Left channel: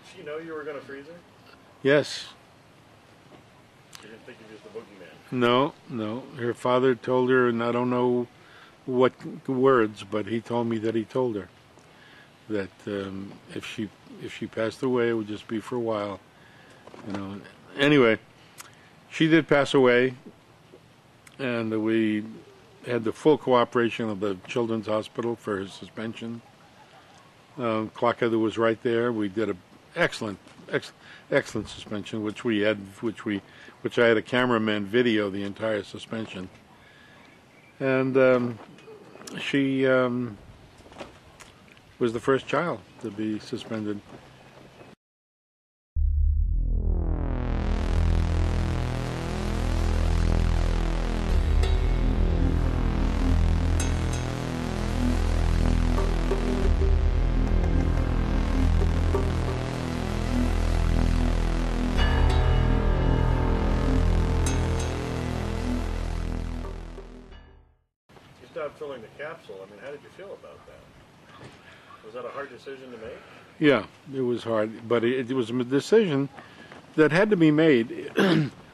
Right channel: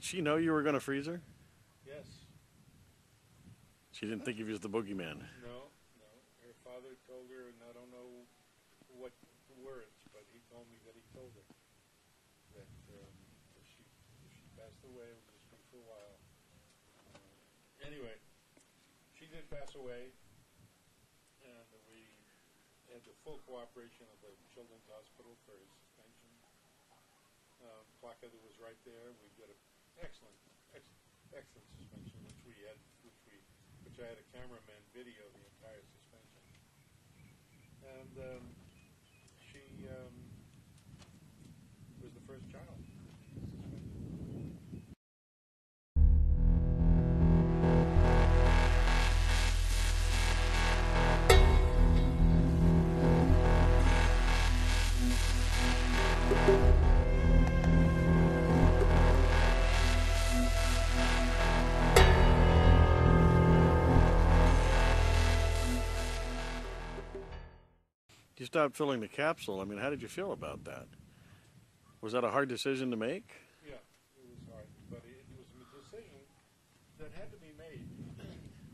Did she know you were going to freeze her? Yes. She didn't think he was the boogeyman. No, no. Her father told her, and I don't know what words, but he told me that he told her that if she passed away, it would just be for a while. You know. Anyway, she did pass away, and we had the full cooperation of the Children's Hospital for his suspension. Clockhead was right there. We did an excellent suspension, which I had a cameraman video the entire suspension. And she was the first child to be suspended. You stopped filling the capsule. I mean, how did you feel about that? Was that a hard decision to make? Yeah, it was hard, but it was a decision that had to be made.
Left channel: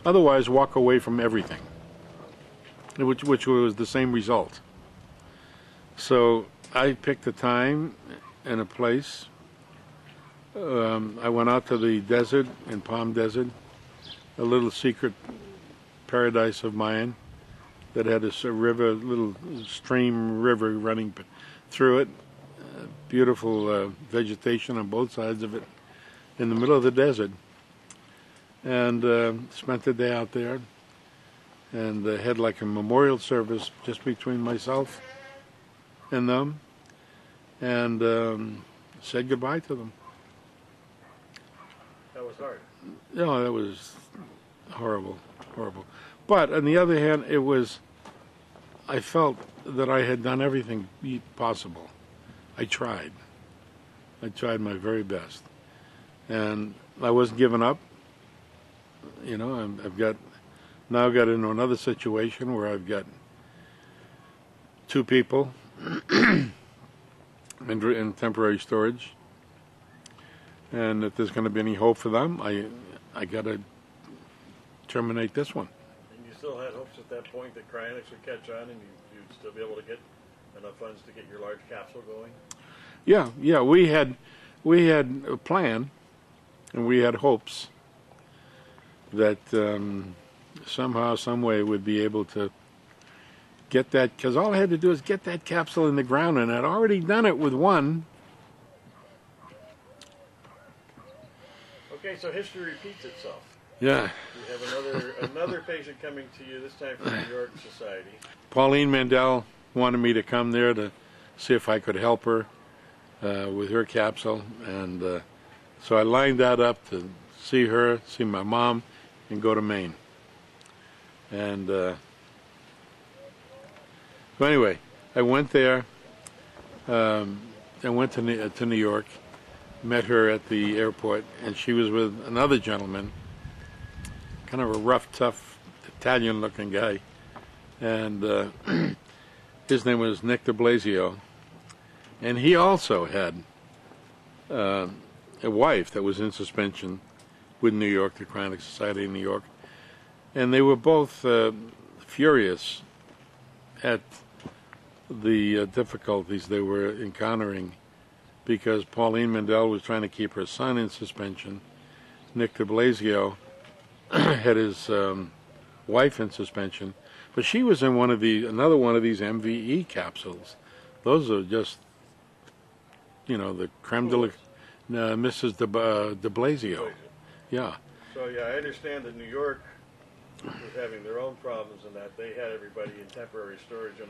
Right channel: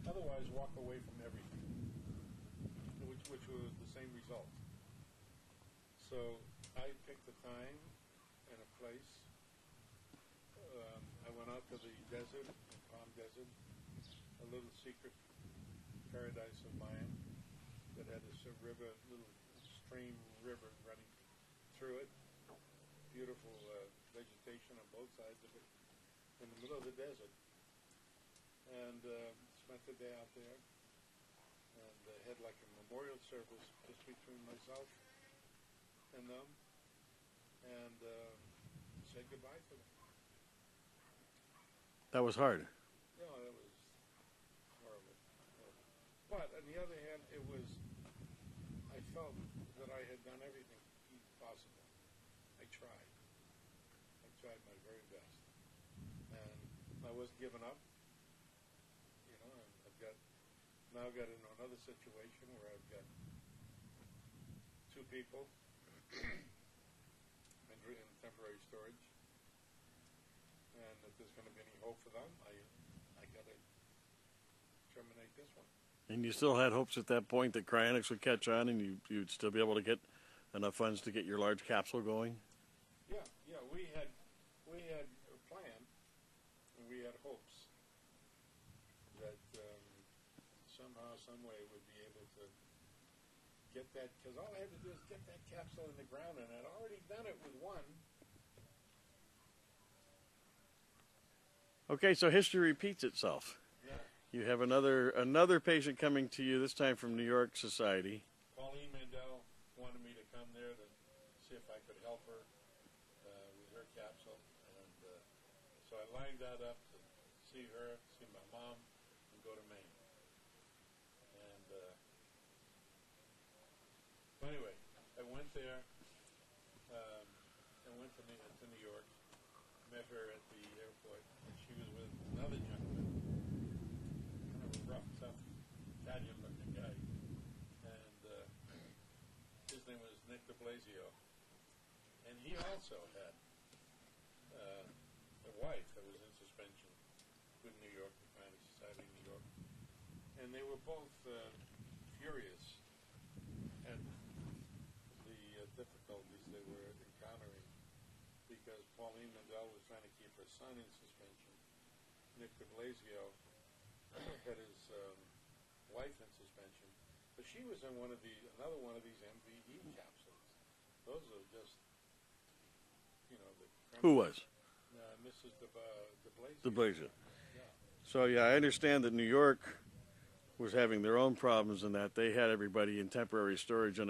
Otherwise, walk away from everything, which was the same result. So I picked a time and a place. I went out to the desert, in Palm Desert, a little secret paradise of mine that had a river, little stream river running through it. Beautiful vegetation on both sides of it, in the middle of the desert. And spent the day out there, and had like a memorial service just between myself and them, and said goodbye to them. That was hard. No, that was horrible, horrible. But on the other hand, I felt that I had done everything possible. I tried my very best, and I wasn't giving up. You know, I've now got into another situation where I've got 2 people in temporary storage, and if there's going to be any hope for them, I got to terminate this one. And you still had hopes at that point that cryonics would catch on, and you'd still be able to get enough funds to get your large capsule going? Yeah, we had a plan, and we had hopes that somehow, some way, we'd be able to get that, because all I had to do is get that capsule in the ground, and I'd already done it with one. Okay, so history repeats itself. Yeah. You have another patient coming to you, this time from New York Society. Pauline Mandel wanted me to come there to see if I could help her with her capsule, and so I lined that up to see her, see my mom, and go to Maine. And so anyway, I went there. I went to New York, met her at the airport, and she was with another gentleman, kind of a rough, tough, Italian-looking guy, and his name was Nick de Blasio, and he also had a wife that was in suspension with New York, the Cryonics Society in New York, and they were both furious at the difficulties they were encountering, because Pauline Mandel was trying to keep her son in suspension. Nick de Blasio had his wife in suspension, but she was in another one of these MVE capsules. Those are just, you know, the creme de la, Mrs. de Blasio. Yeah. So yeah, I understand that New York was having their own problems in that they had everybody in temporary storage in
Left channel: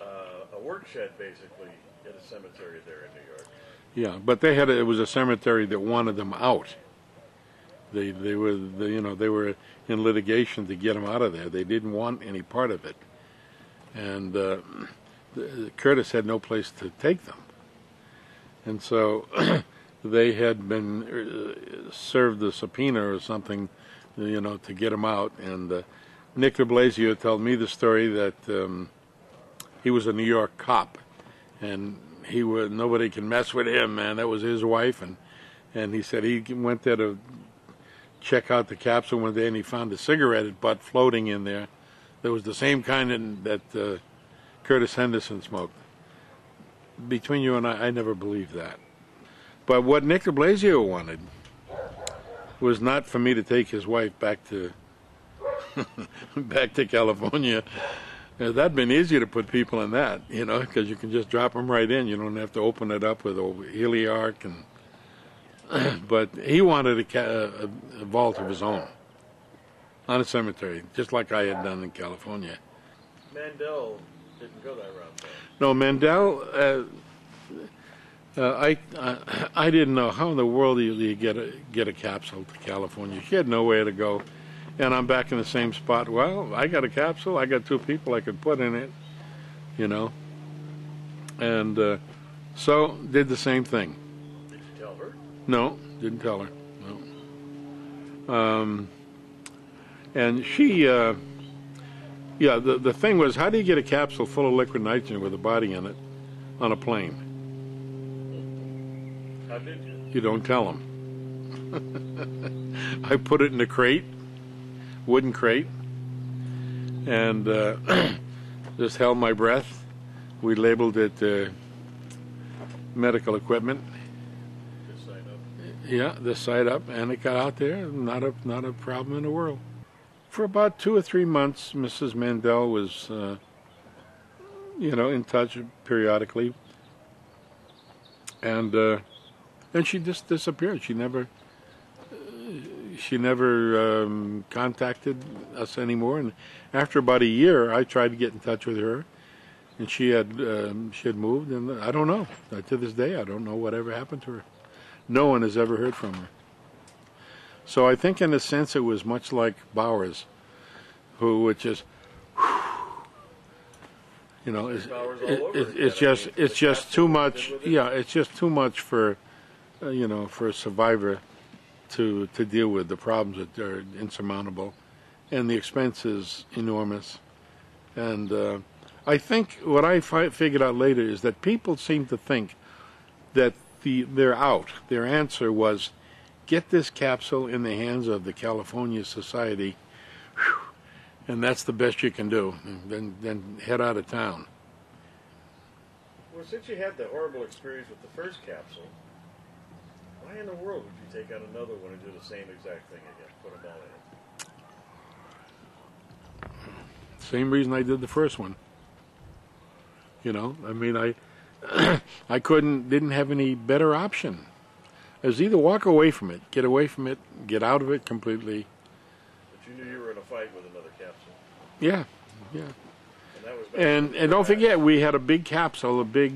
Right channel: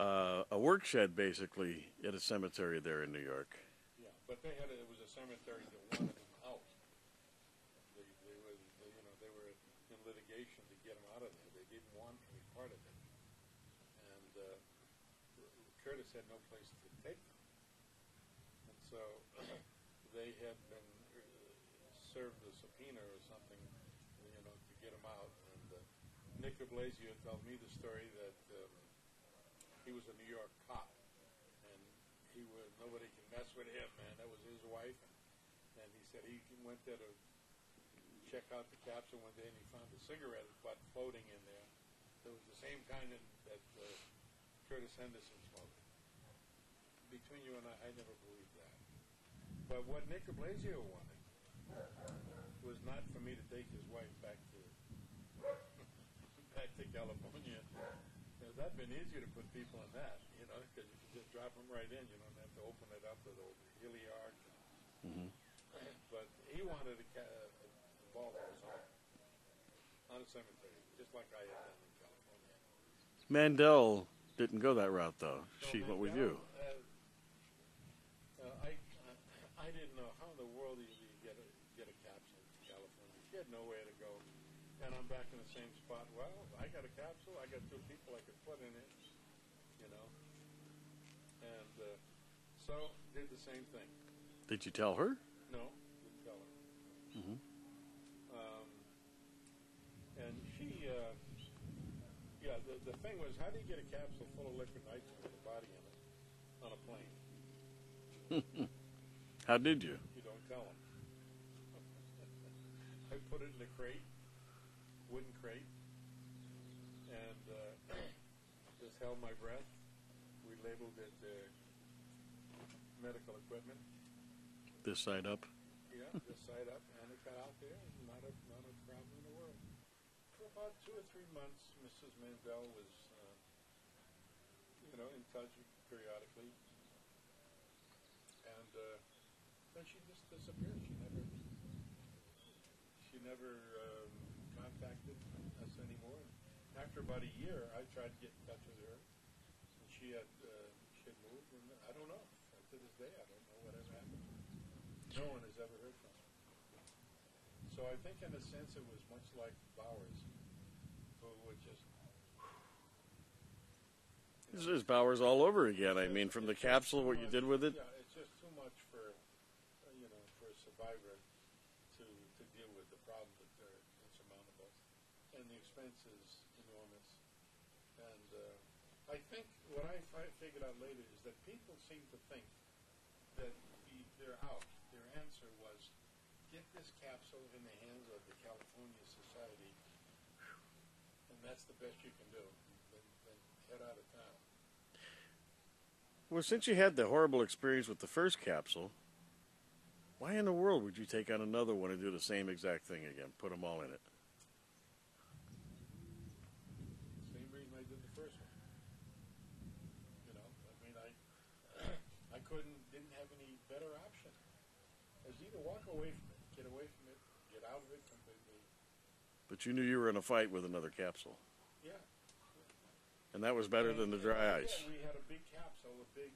a work shed, basically, at a cemetery there in New York. Yeah, but it was a cemetery that wanted them out. They were in litigation to get them out of there. They didn't want any part of it, and Curtis had no place to take them, and so they had been served a subpoena or something, you know, to get them out. And Nick de Blasio told me the story that he was a New York cop, and nobody can mess with him, man. That was his wife, and And he said he went there to check out the capsule one day, and he found a cigarette butt floating in there. That was the same kind that Curtis Henderson smoked. Between you and I never believed that. But what Nick de Blasio wanted was not for me to take his wife back to back to California. That'd been easier to put people in that, you know, because you can just drop them right in. You don't have to open it up with a heliarch. But he wanted a vault of his own on a cemetery, just like I had done in California. Mandel didn't go that route, though. No, Mandel, I didn't know how in the world you get a capsule to California. She had nowhere to go. And I'm back in the same spot. Well, I got a capsule. I got 2 people I could put in it, you know. And so did the same thing. Did you tell her? No, didn't tell her. No. And she, the thing was, how do you get a capsule full of liquid nitrogen with a body in it on a plane? How did you? You don't tell them. I put it in a crate. Wooden crate, and just held my breath. We labeled it medical equipment. This side up. Yeah, this side up, and it got out there. Not a problem in the world. For about 2 or 3 months, Mrs. Mandel was, in touch periodically, and she just disappeared. She never contacted us anymore. And after about a year, I tried to get in touch with her, and she had moved. And I don't know. To this day, I don't know whatever happened to her. No one has ever heard from her. So I think, in a sense, it was much like Bowers, who would just, it's just too much. Yeah, it's just too much for, for a survivor to deal with. The problems that are insurmountable, and the expense is enormous. And I think what I figured out later is that people seem to think that they're out. Their answer was, get this capsule in the hands of the California Society, and that's the best you can do. And then head out of town. Well, since you had the horrible experience with the first capsule, why in the world would you take out another one and do the same exact thing again? Put them all in it. Same reason I did the first one. I didn't have any better option. It was either walk away from it, get out of it completely. But you knew you were in a fight with another capsule. Yeah. And that was back and don't forget, we had a big capsule, a big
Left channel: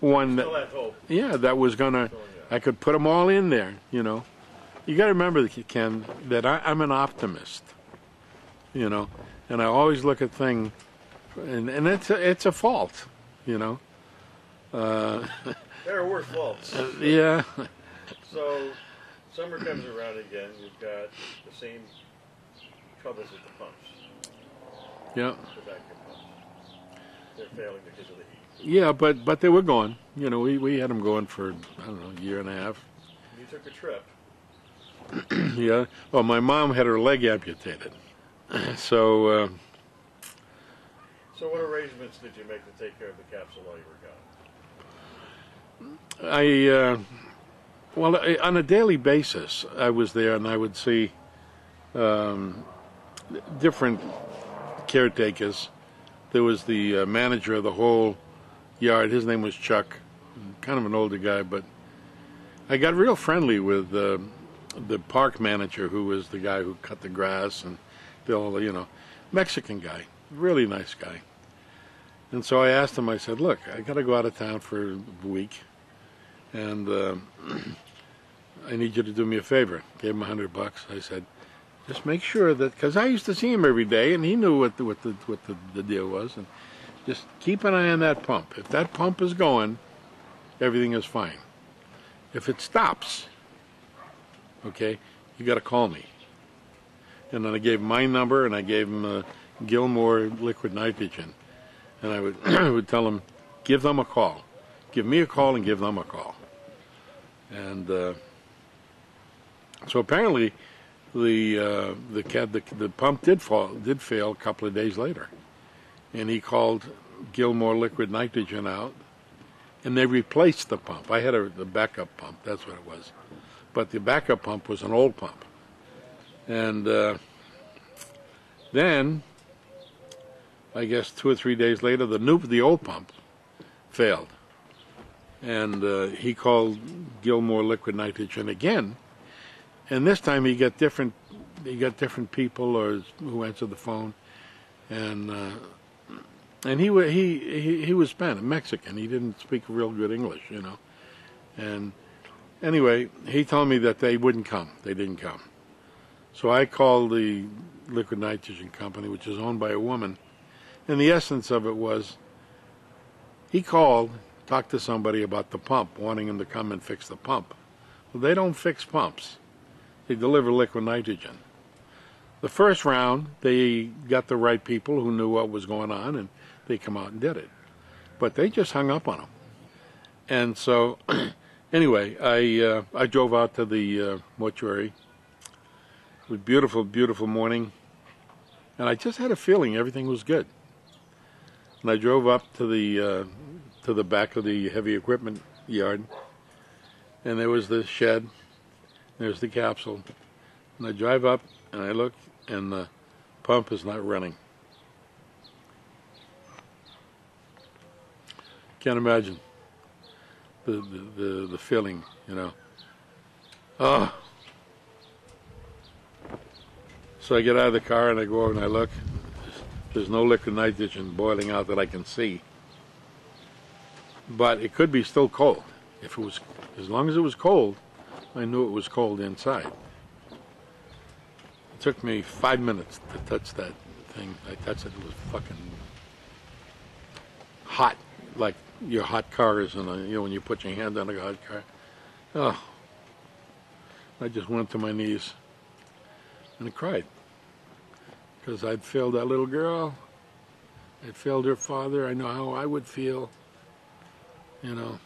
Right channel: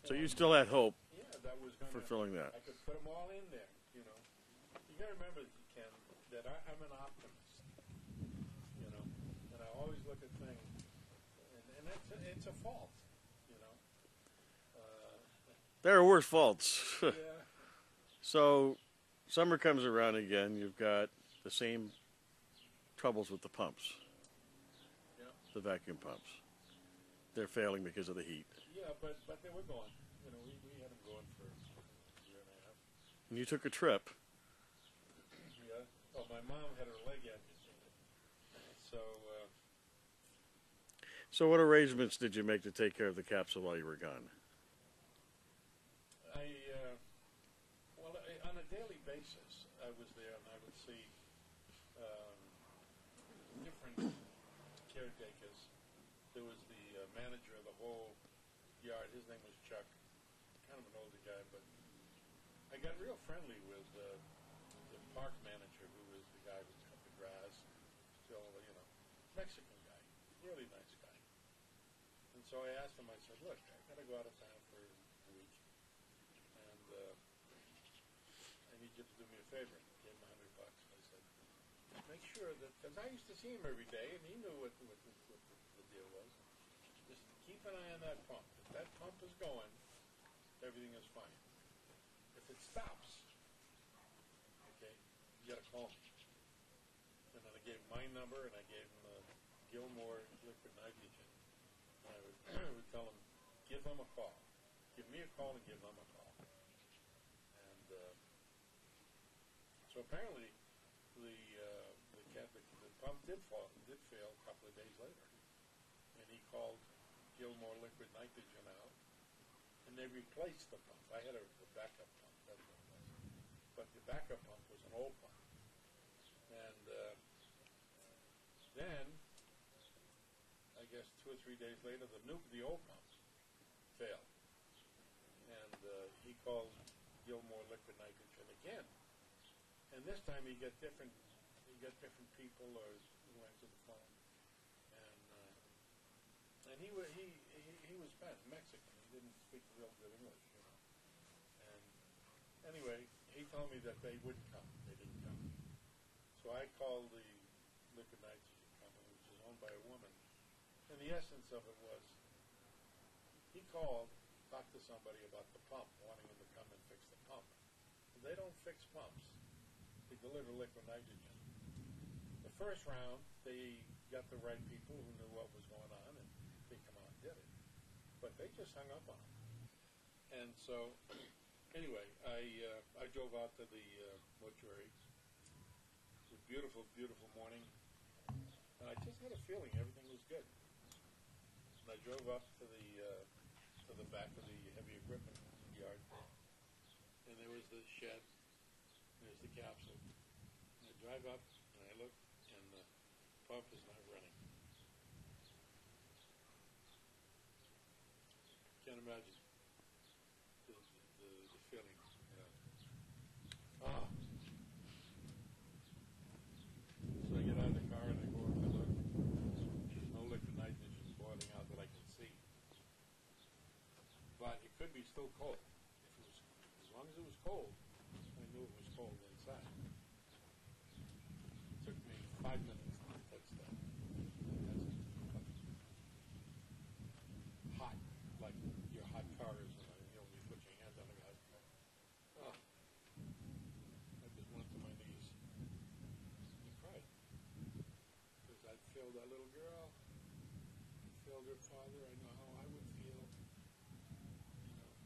one. You still had hope. Yeah, that was gonna. I could put them all in there. You got to remember, Ken, that I'm an optimist. And I always look at things, and it's a fault. There are worse faults. Yeah. So, summer comes around again. You've got the same troubles with the pumps. Yeah. The vacuum pumps. They're failing because of the heat. Yeah, but they were going. We had them going for, I don't know, a year and a half. You took a trip. Yeah. Well, my mom had her leg amputated. So what arrangements did you make to take care of the capsule while you were gone? On a daily basis, I was there, and I would see different caretakers. There was the manager of the whole yard. His name was Chuck, kind of an older guy, but I got real friendly with the park manager, who was the guy who cut the grass, and Bill, Mexican guy, really nice guy. And so I asked him, I said, look, I got to go out of town for a week, and I need you to do me a favor. Gave him $100. I said, just make sure that, because I used to see him every day, and he knew what the deal was, and just keep an eye on that pump. If that pump is going, everything is fine. If it stops, okay, you got to call me. And then I gave him my number, and I gave him Gilmore liquid nitrogen, and I would I would tell him, give them a call, give me a call, and give them a call. And so apparently the pump did fail a couple of days later, and he called Gilmore Liquid Nitrogen out, and they replaced the pump. I had the backup pump, that's what it was, but the backup pump was an old pump. And then, I guess 2 or 3 days later, the old pump failed, and he called Gilmore Liquid Nitrogen again, and this time he got different people who answered the phone, and he was Spanish, Mexican. He didn't speak real good English, you know, and anyway, he told me that they wouldn't come. They didn't come. So I called the liquid nitrogen company, which is owned by a woman, and the essence of it was he called, talked to somebody about the pump, wanting him to come and fix the pump. Well, they don't fix pumps. They deliver liquid nitrogen. The first round, they got the right people who knew what was going on, and they come out and did it. But they just hung up on him. And so, anyway, I drove out to the mortuary. It was a beautiful, beautiful morning, and I just had a feeling everything was good. And I drove up to the back of the heavy equipment yard, and there was the shed, there's the capsule, and I drive up and I look, and the pump is not running. Can't imagine the feeling, you know. Oh. So I get out of the car and I go over and I look. There's no liquid nitrogen boiling out that I can see. But it could be still cold. If it was, as long as it was cold, I knew it was cold inside. It took me 5 minutes to touch that thing. I touched it. It was fucking hot, like your hot cars, and you know, when you put your hand on a hot car. Oh, I just went to my knees and I cried, because I'd failed that little girl. I'd failed her father. I know how I would feel, you know.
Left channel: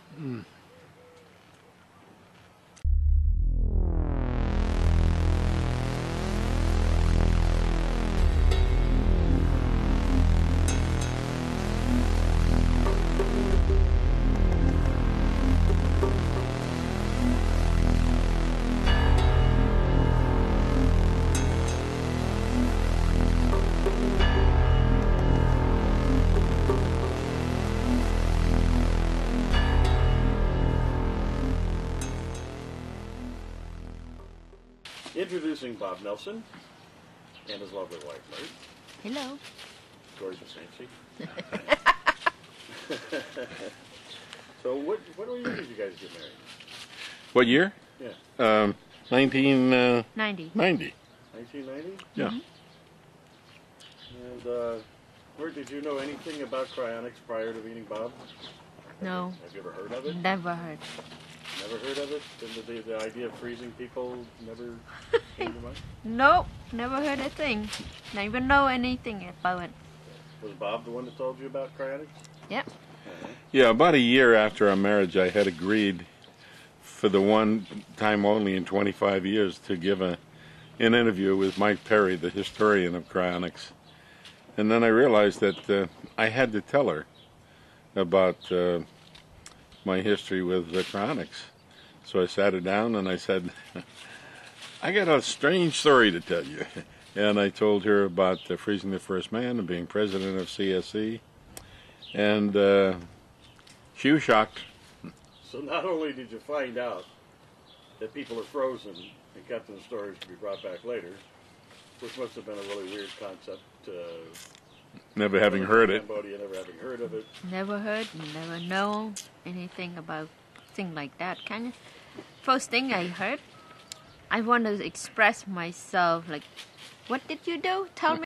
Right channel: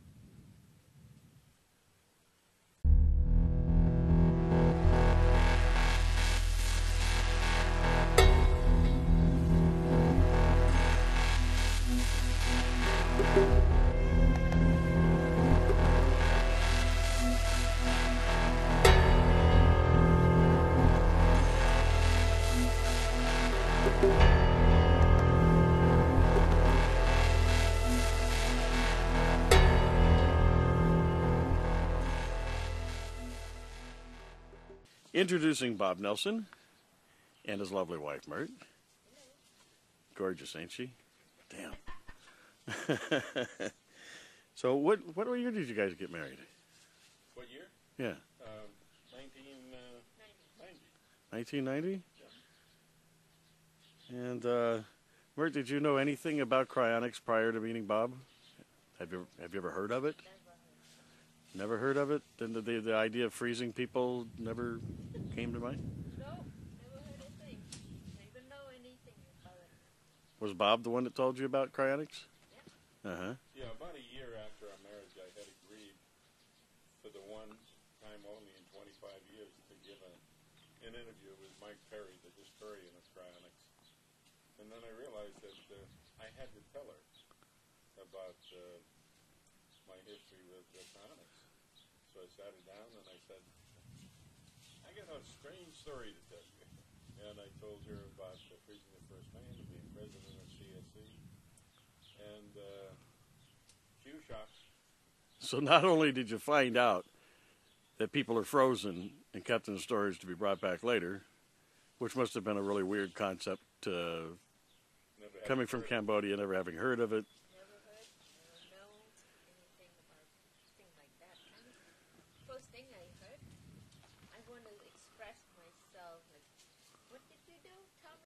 Introducing Bob Nelson and his lovely wife, Bert. Hello. Gorgeous, ain't she? So what year did you guys get married? What year? Yeah. 1990. 1990? Yeah. Mm-hmm. And where did you know anything about cryonics prior to meeting Bob? No. Have you ever heard of it? Never heard. Never heard of it? The idea of freezing people never came to mind? Nope. Never heard a thing. Not even know anything about it. Was Bob the one that told you about cryonics? Yep. Uh-huh. Yeah, about a year after our marriage, I had agreed for the one time only in 25 years to give an interview with Mike Perry, the historian of cryonics. And then I realized that I had to tell her about my history with cryonics. So I sat her down and I said, I got a strange story to tell you. And I told her about freezing the first man and being president of CSC. And she was shocked. So not only did you find out that people are frozen and kept in storage to be brought back later, which must have been a really weird concept, Never having heard it. Cambodia, never having heard of it. Never heard, never know anything about thing like that. Kind of first thing I heard, I want to express myself like, what did you do? Tell me.